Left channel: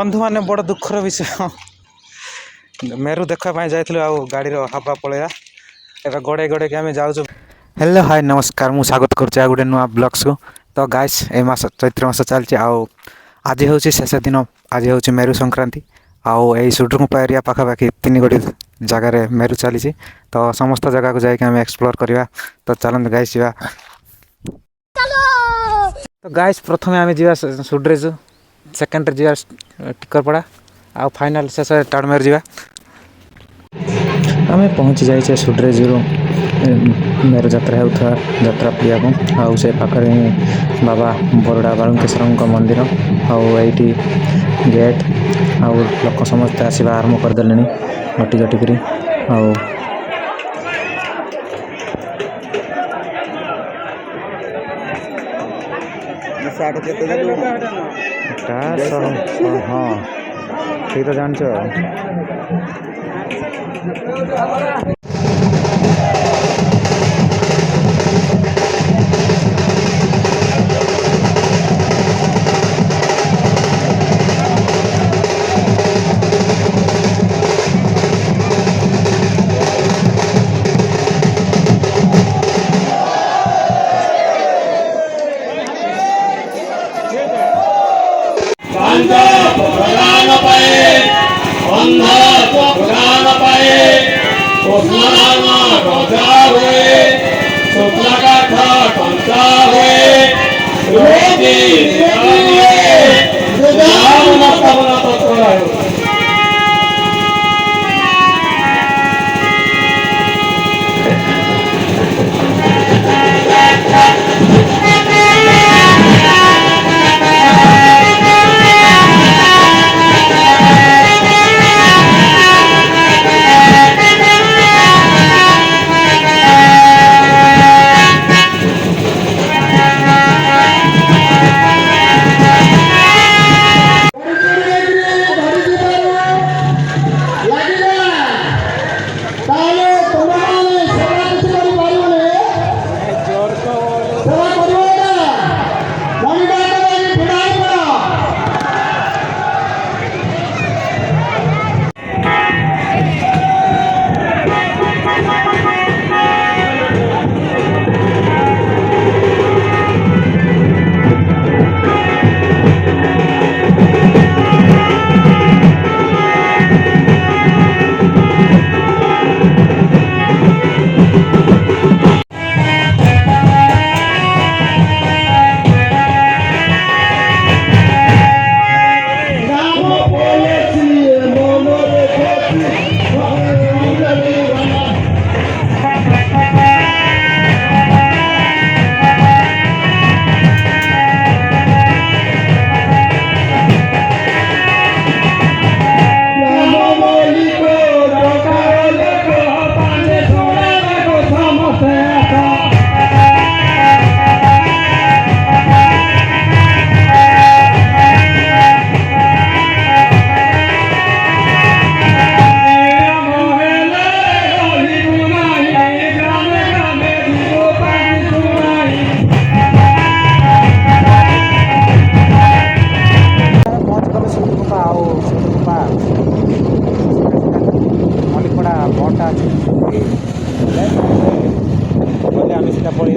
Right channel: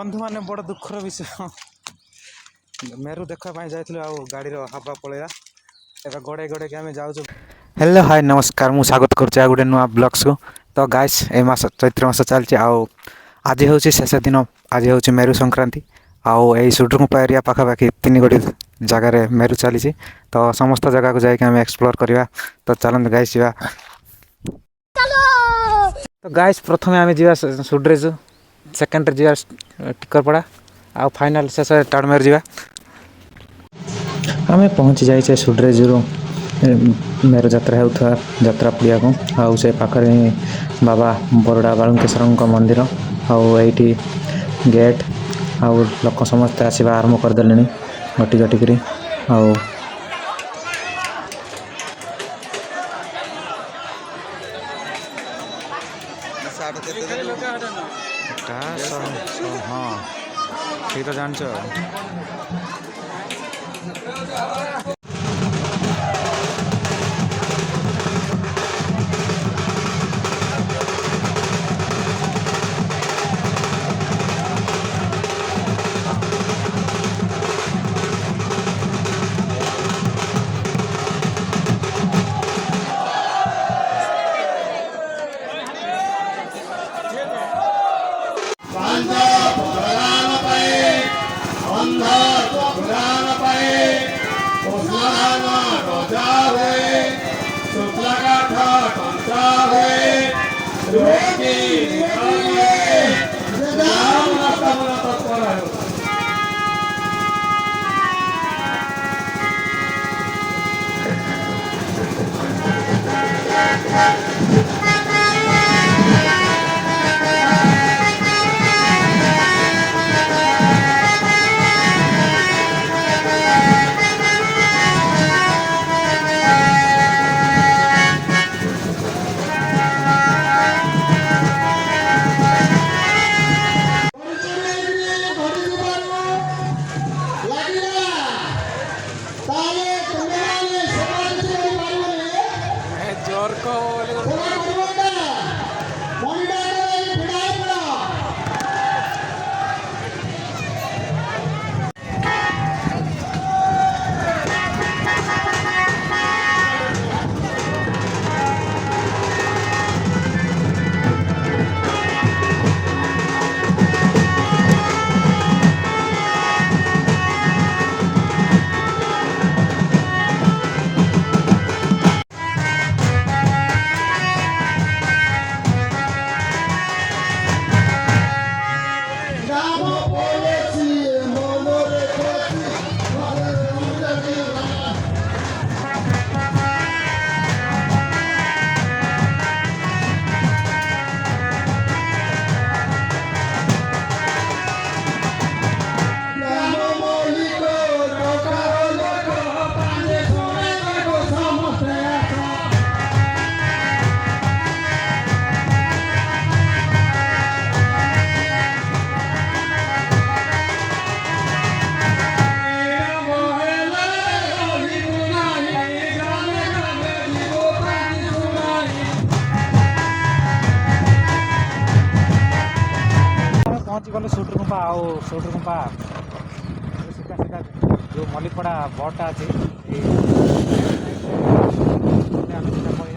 बंधु मैंने बड़ दुखर विषय मेरु देखापी जाइलु आ गाड़ी हवा पलैया ए गड़े गड़े के आम जाऊँ। हेलो हाय नमस्कार मु स्वागत करुँचे गोटे नुआ ब्लग्स को। तो गाइस ए मास चैत्र मास चलती आज हूँ शेष दिन आज हूँ मेरु संक्रांति आउ यही सुड्रुमुपा एरिया पाखापाखि 3 गोटी जगार मेरु चली। तो समस्त जगह को जाके एक्सप्लोर करवा। तो चलते गाइस जा। तो गाइस प्रथम आम जा सुड्रेजु सेकेंड जा टिकरपड़ा आ फाइनाल शेष टाणमेर जा। आम पहुँची जाइए सुड्रेजु मेरु जात्रा होता जात्रा पड़िया को आउ से पाखरे बाबा बरड़ा बालुकेश्वर मंदिर आईटी गेट आउ लोक समस्ते आसवा आरंभ करदे घटी घटिकी आउ हाँ ठीक है जान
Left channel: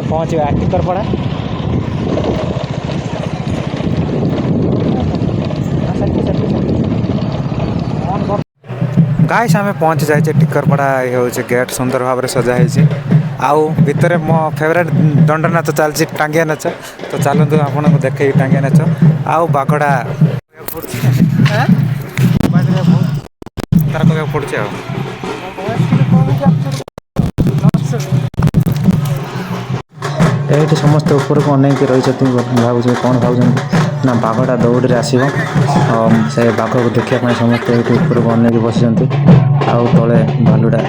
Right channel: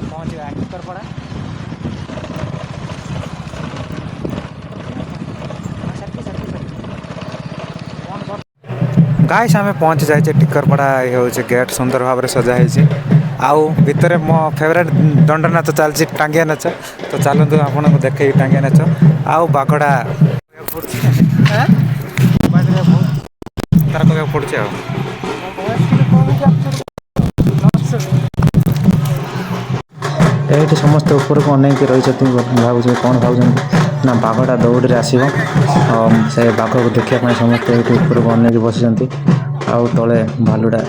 पहुँचे टिकरपड़ा। गाइस आम पहुँची जाइए टिकरपड़ा। ये हूँ गेट सुंदर भाव में सजाई आउ भितर मो फेवरेट दंड नाच चलती टांगिया नाच। तो चलतु आपको देखे टांगिया नाच आउ बाघड़ा तार कहना पड़े ये समस्त ऊपर को अनेक रही भाव कौन भाव ना बाघटा दौड़ी आसो से बाघ को देखापी समस्त ऊपर को अनेक बस आउ तले भालुटा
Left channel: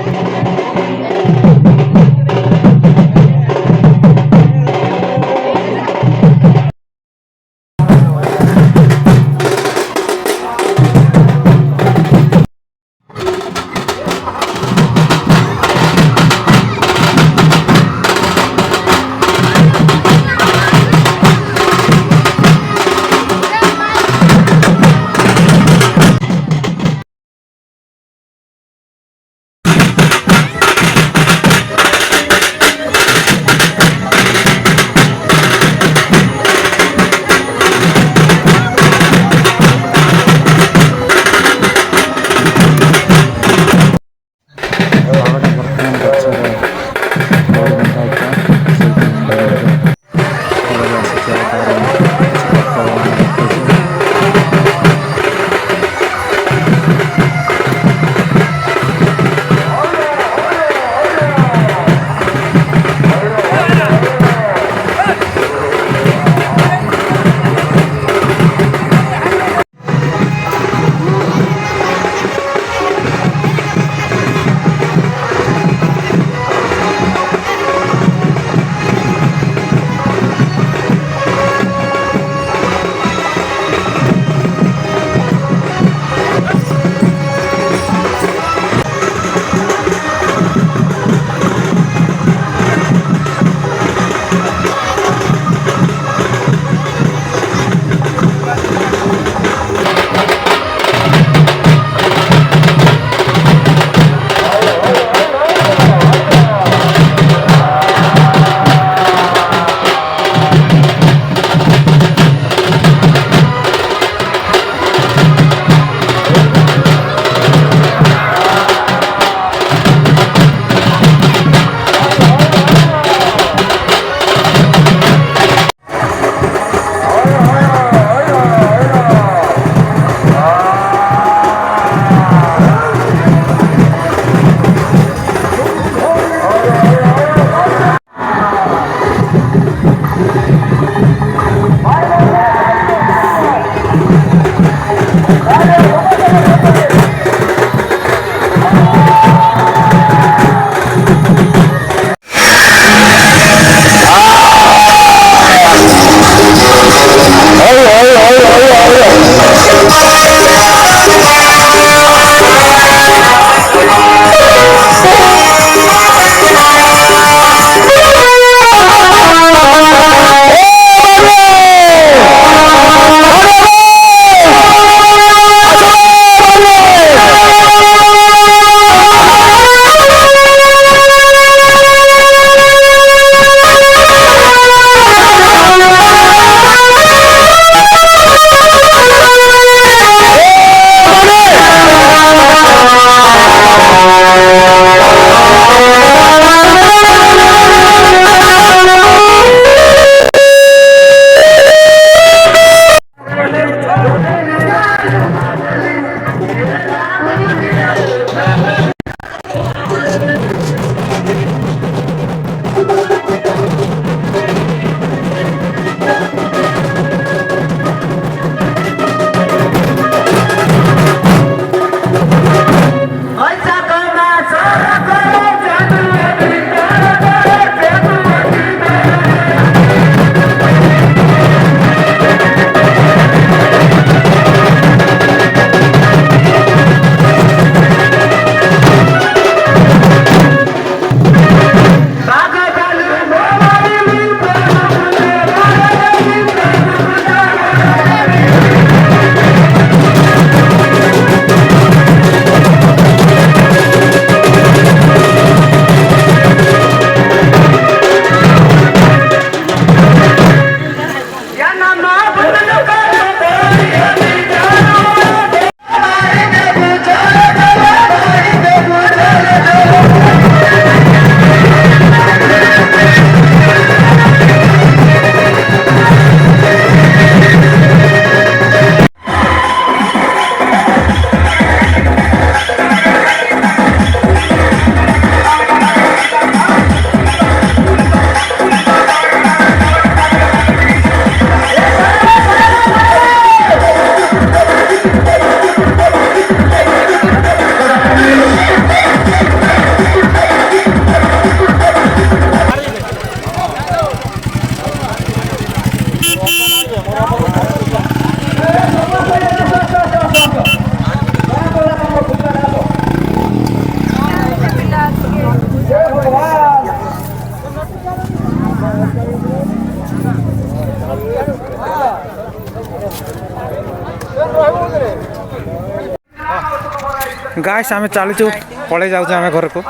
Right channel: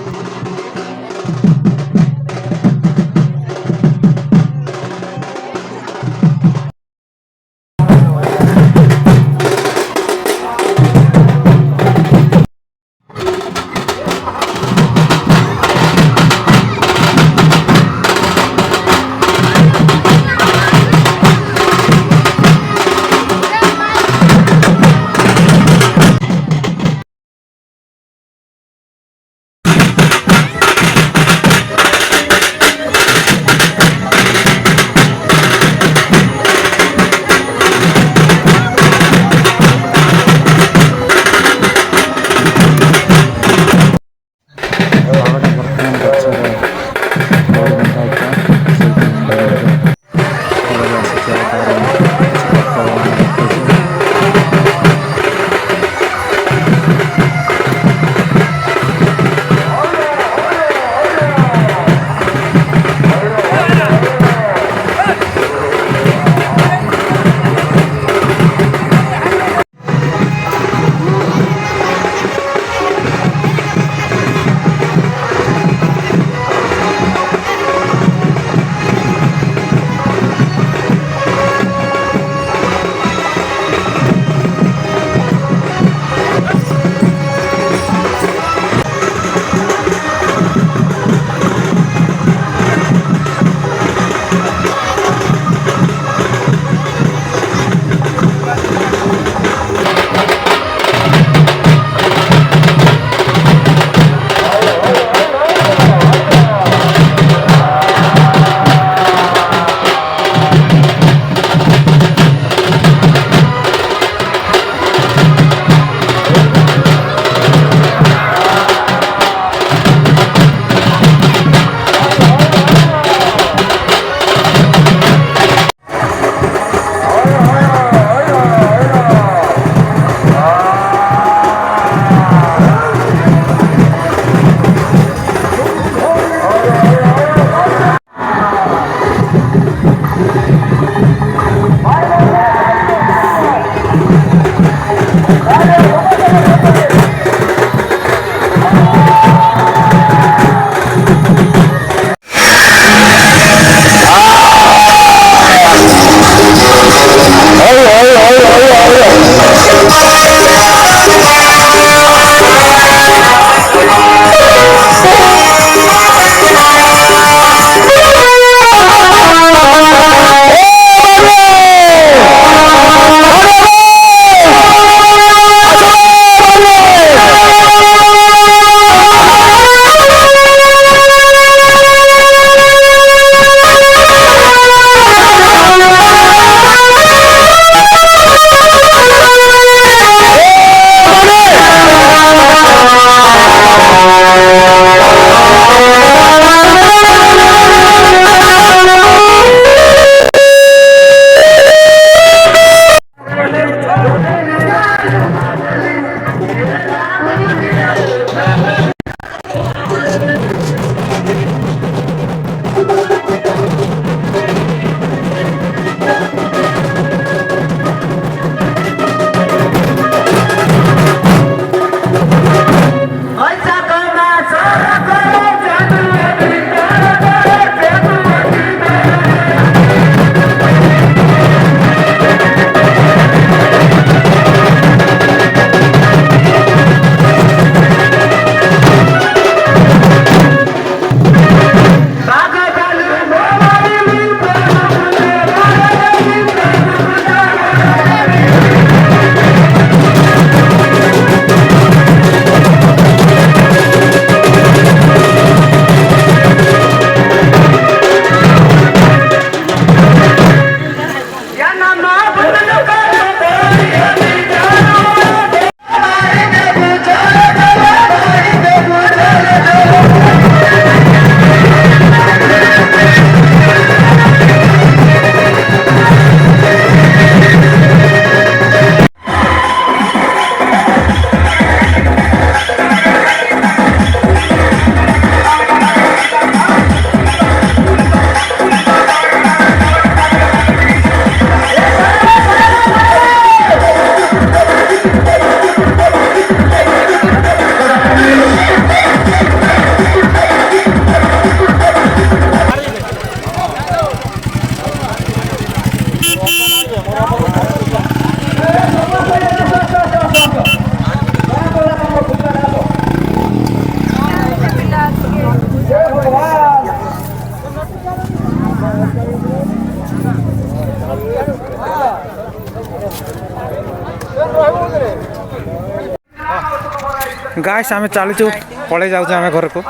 गाइस आम चलचु पलि जाऊँ आम घर को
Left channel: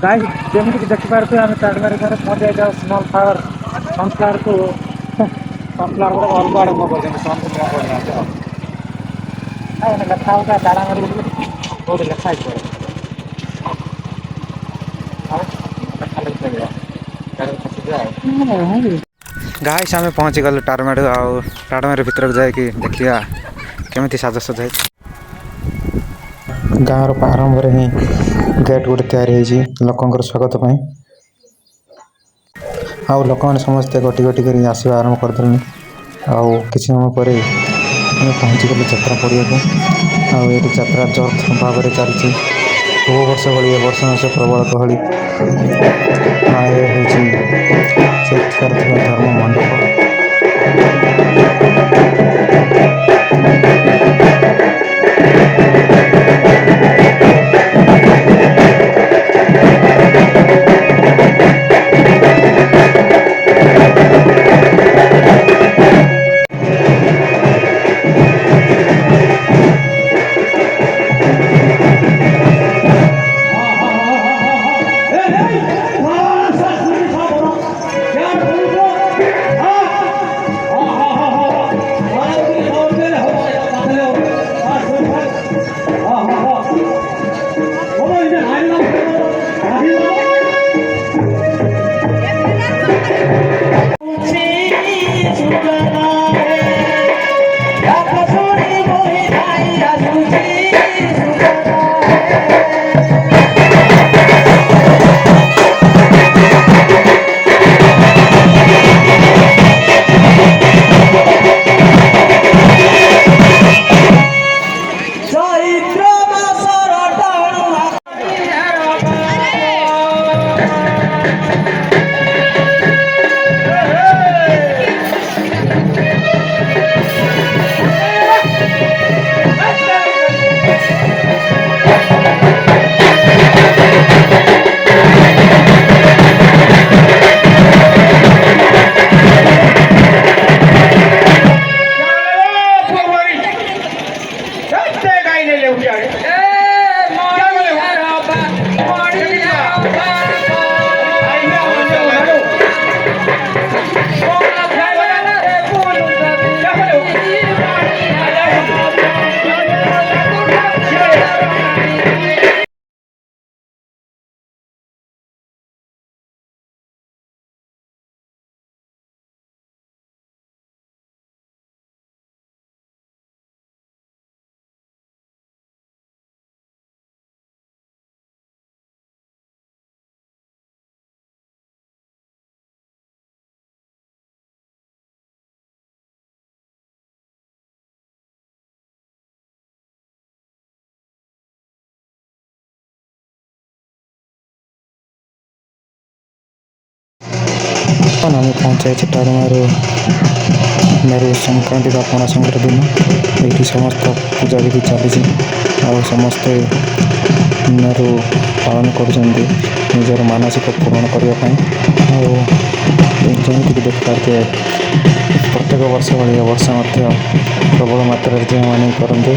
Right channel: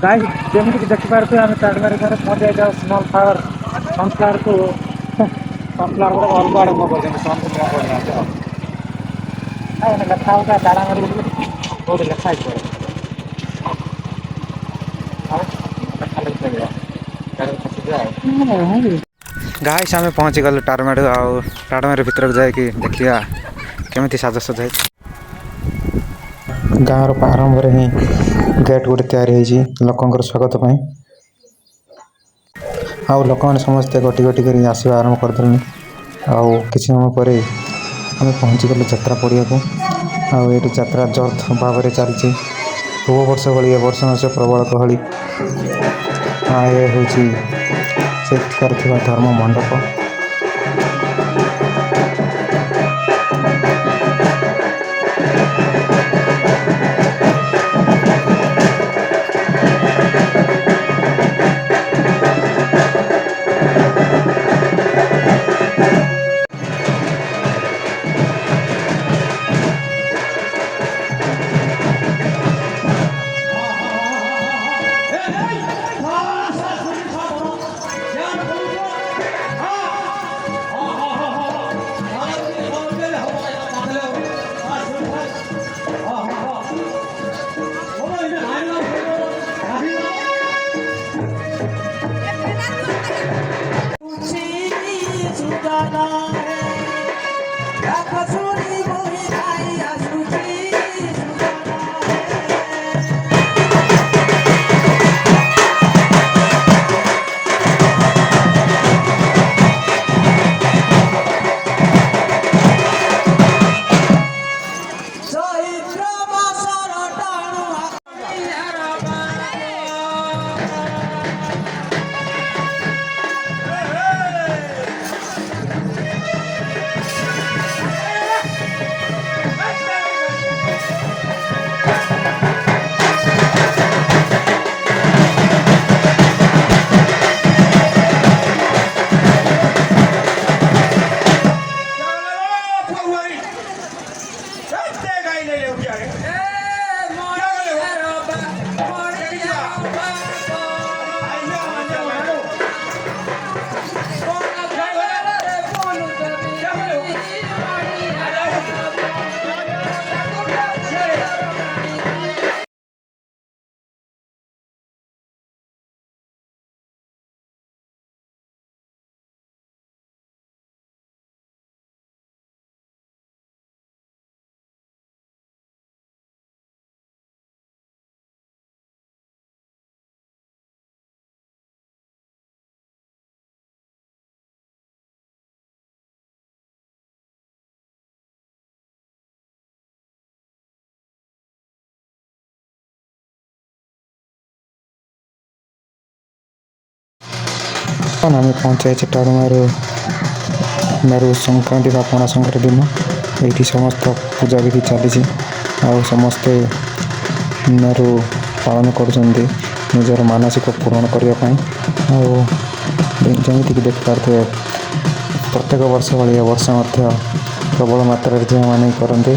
गाइस जमीन देखिपे आम चारमारी घर पहुँच जाए स्मॉल फ्लावर सनफ्लावर को सनफ्लावर को अलग आड़े मुँह कर सन को मुँह करना लेखा होता तारामारी बहुत लेखा गाइस आम पहुँची गलु टारमाड़ी टारमाड़ी भितर जाकि देखा केमी साजसज है गाँव प्रारंभ ही गेट गोटे तैयारी लोकंर स्वागत पर आउ लोक मैंने समस्ते गोटी गोटी कर आसवा आरंभ करदे आउ कि समय पर आम पहुँची गलु यात्रा पड़िया को आउ ये यात्रा जर्थ भाव में चलती पूर्व वर्ष भाई वर्ष मास प्रबल गहली ये हूँ धर्म मंडप आम पहुँचाई टाड़मारू मेरू संक्रांति का पणा संक्रांति दिन ये समस्त पूजा विधि चली समस्ते मेरू पालन कर मानसिक पूरण करने जमीक देखिपे प्रत्येक वर्ष भाई वर्ष प्रबल मात्रा झील मैंने करते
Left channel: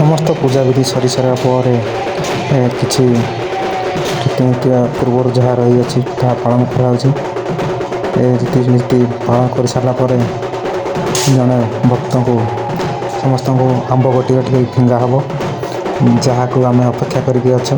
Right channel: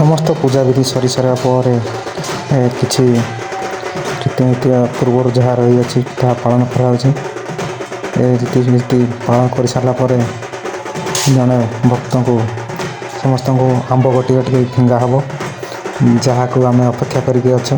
ସମସ୍ତ ପୂଜାବିଧି ସରି ସାରିବା ପରେ କିଛି ରୀତିନୀତି ପୂର୍ବରୁ ଯାହା ରହିଅଛି ତାହା ପାଳନ କରାଯାଉଛି। ଏ ରୀତିନୀତି ପାଳନ କରିସାରିଲା ପରେ ଜଣେ ଭକ୍ତଙ୍କୁ ସମସ୍ତଙ୍କୁ ଆମ୍ବ ଗୋଟି ଫିଙ୍ଗା ହେବ, ଯାହାକୁ ଆମେ ଅପେକ୍ଷା କରିକି ଅଛୁ।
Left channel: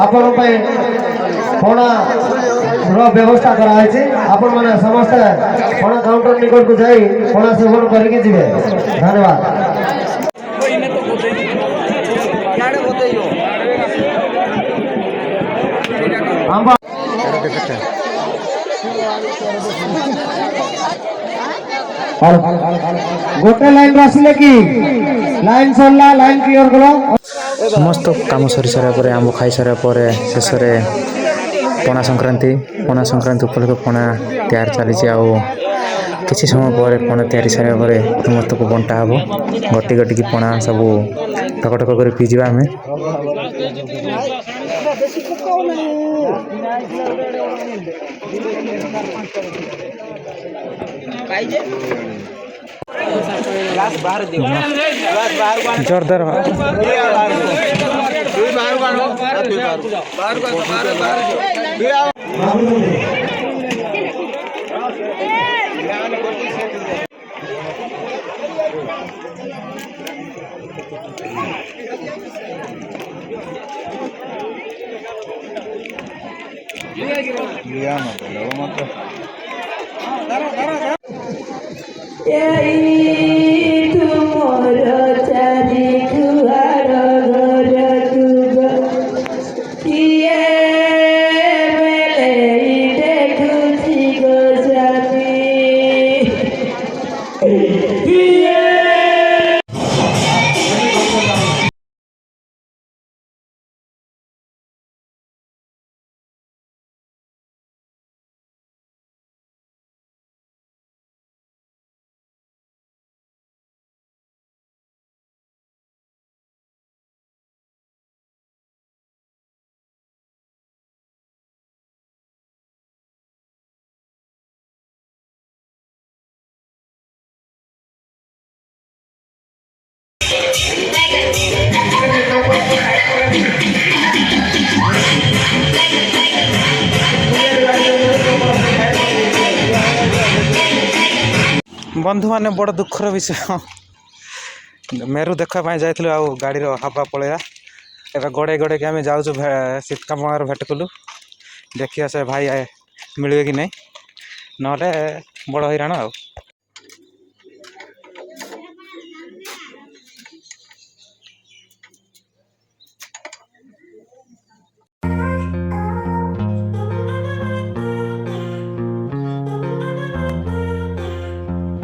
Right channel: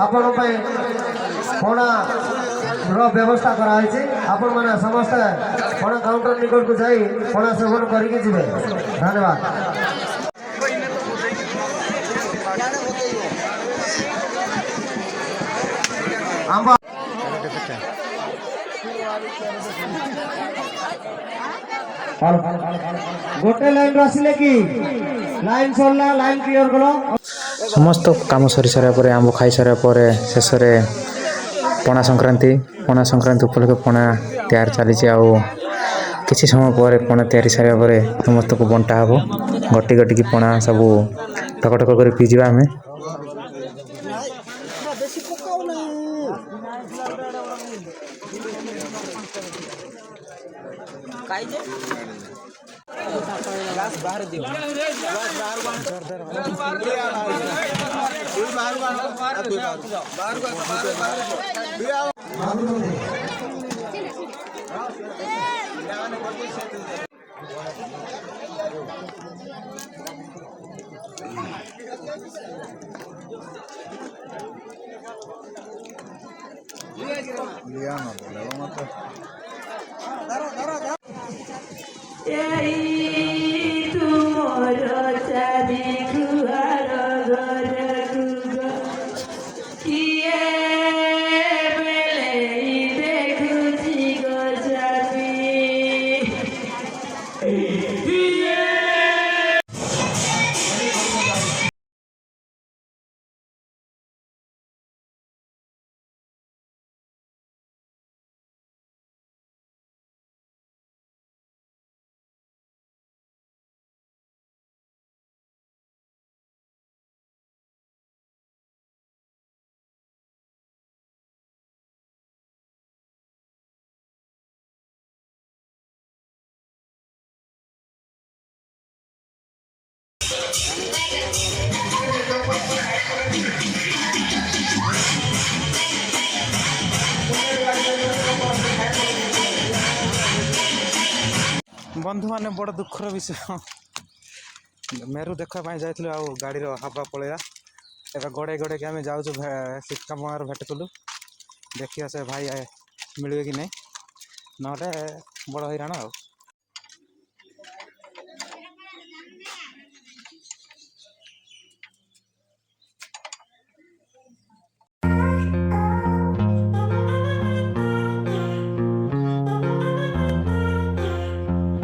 आपण पणा व्यवस्था कराई। आपण मैंने समस्ते पणा काउंटर निकट को जाई पणा सेवन करके जीवे। धन्यवाद। गोटे लाइन आसिले कि लाइन सरला लाइन क्लियर करो। समस्त काम सरी सारा पर आंब खाई सारा पर शेष में पणा संक्रांति उपलक्षे पणा तैयार चली किसी समय पर पणा तैयारी सारा पर समस्त को बंटा हम गटी गटिकी पणा सब टकटक कर पीजा आम जोरदार बंधु मैंने बड़ दुखर विषय मेरु देखापी जाइलु आ गाड़ी हवा पलैया एवं गड़े गड़े कि आम जाऊँ शीतका मार भेट कलु देखिए से भाई मिले कि नहीं ना बड़ हैरान आ।